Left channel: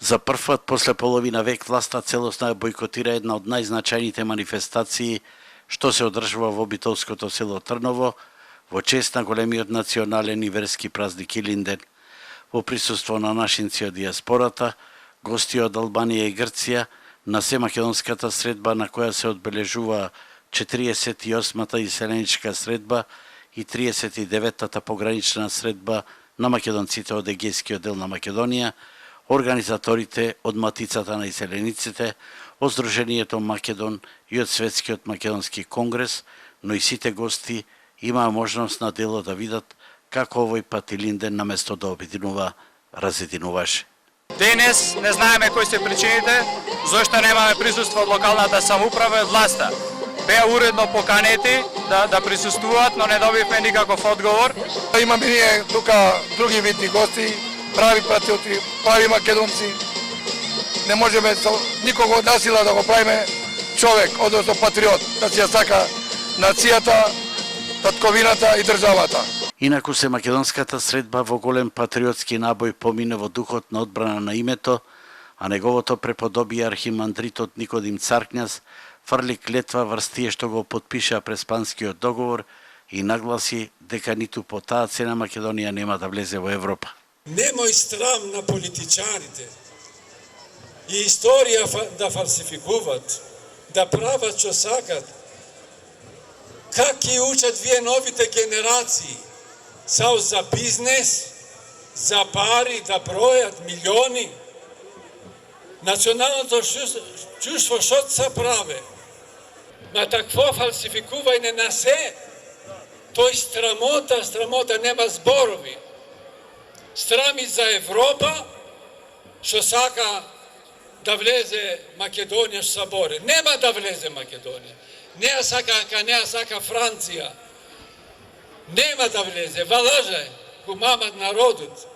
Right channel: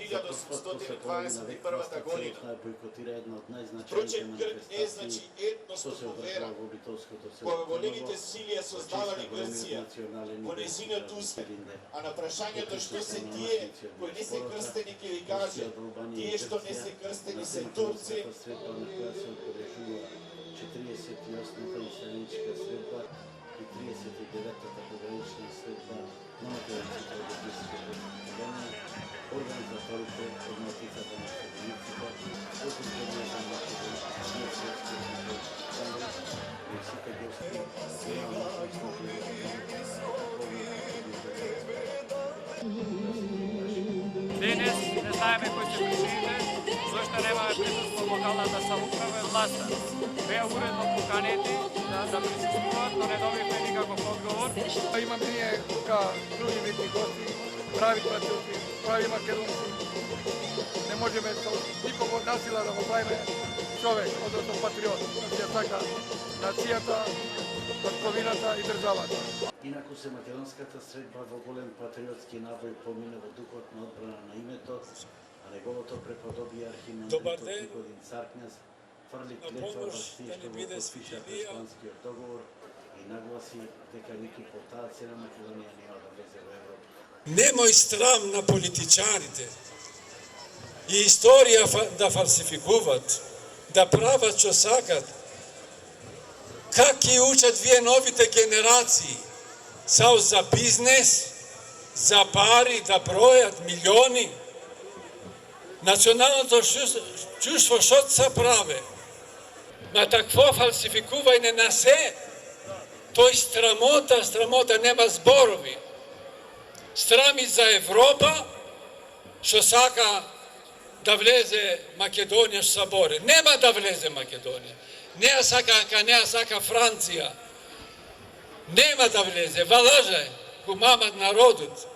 За прв пат после половина век власта целосно бойкотира една од најзначајните манифестации што се одржува во битолското село Трново во чест на големиот национален и верски празник Илинден. Во присуство на нашинци од диаспората, гости од Албанија и Грција, на семакедонската средба на која се одбележува 48-та иселеничка средба и 39-та погранична средба на македонците од Егејскиот дел на Македонија, организаторите од Матицата на иселениците, од Сдруженијето Македон и од Светскиот македонски конгрес, но и сите гости имаа можност на дело да видат како овој пат Илинден наместо да обединува, разединуваше. Денес не знаеме кои се причините, зашто немаме присуство од локалната самоуправа и власта. Беа уредно поканети да присуствуваат, но не добивме никаков одговор. Имаме ние тука други видни гости, прави патриоти, прави македонци. Не можеме никого од насила да го правиме човек, односно патриот, да си ја сака нацијата, татковината и државата. Инаку се македонската средба во голем патриотски набој помине во духот на одбрана на името, а неговото преподобие архимандритот Никодим Царкњас фрли клетва врз тие што го потпиша Преспанскиот договор и нагласи дека ниту по таа цена Македонија нема да влезе во Европа. Немој срам на политичарите и историја да фалсификуват, да прават што сакат. Как ги учат вие новите генерации? Само за бизнес, за пари, да бројат милиони. Националното чувство што се праве? На такво фалсификување на се, тој страмота нема зборови. Страми за Европа, што сака да влезе Македонија со соборе. Нема да влезе Македонија. Не ја сака Франција. Нема да влезе. Валажа го мамат народот.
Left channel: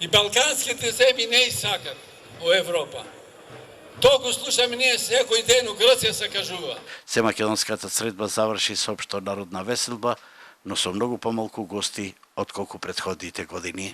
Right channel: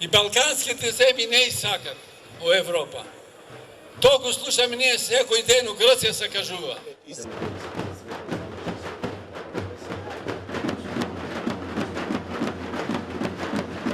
И балканските земји не и сакат во Европа. Тоа го слушаме ние секој ден у Грција се кажува. Се македонската средба заврши со општо народна веселба, но со многу помалку гости отколку претходните години.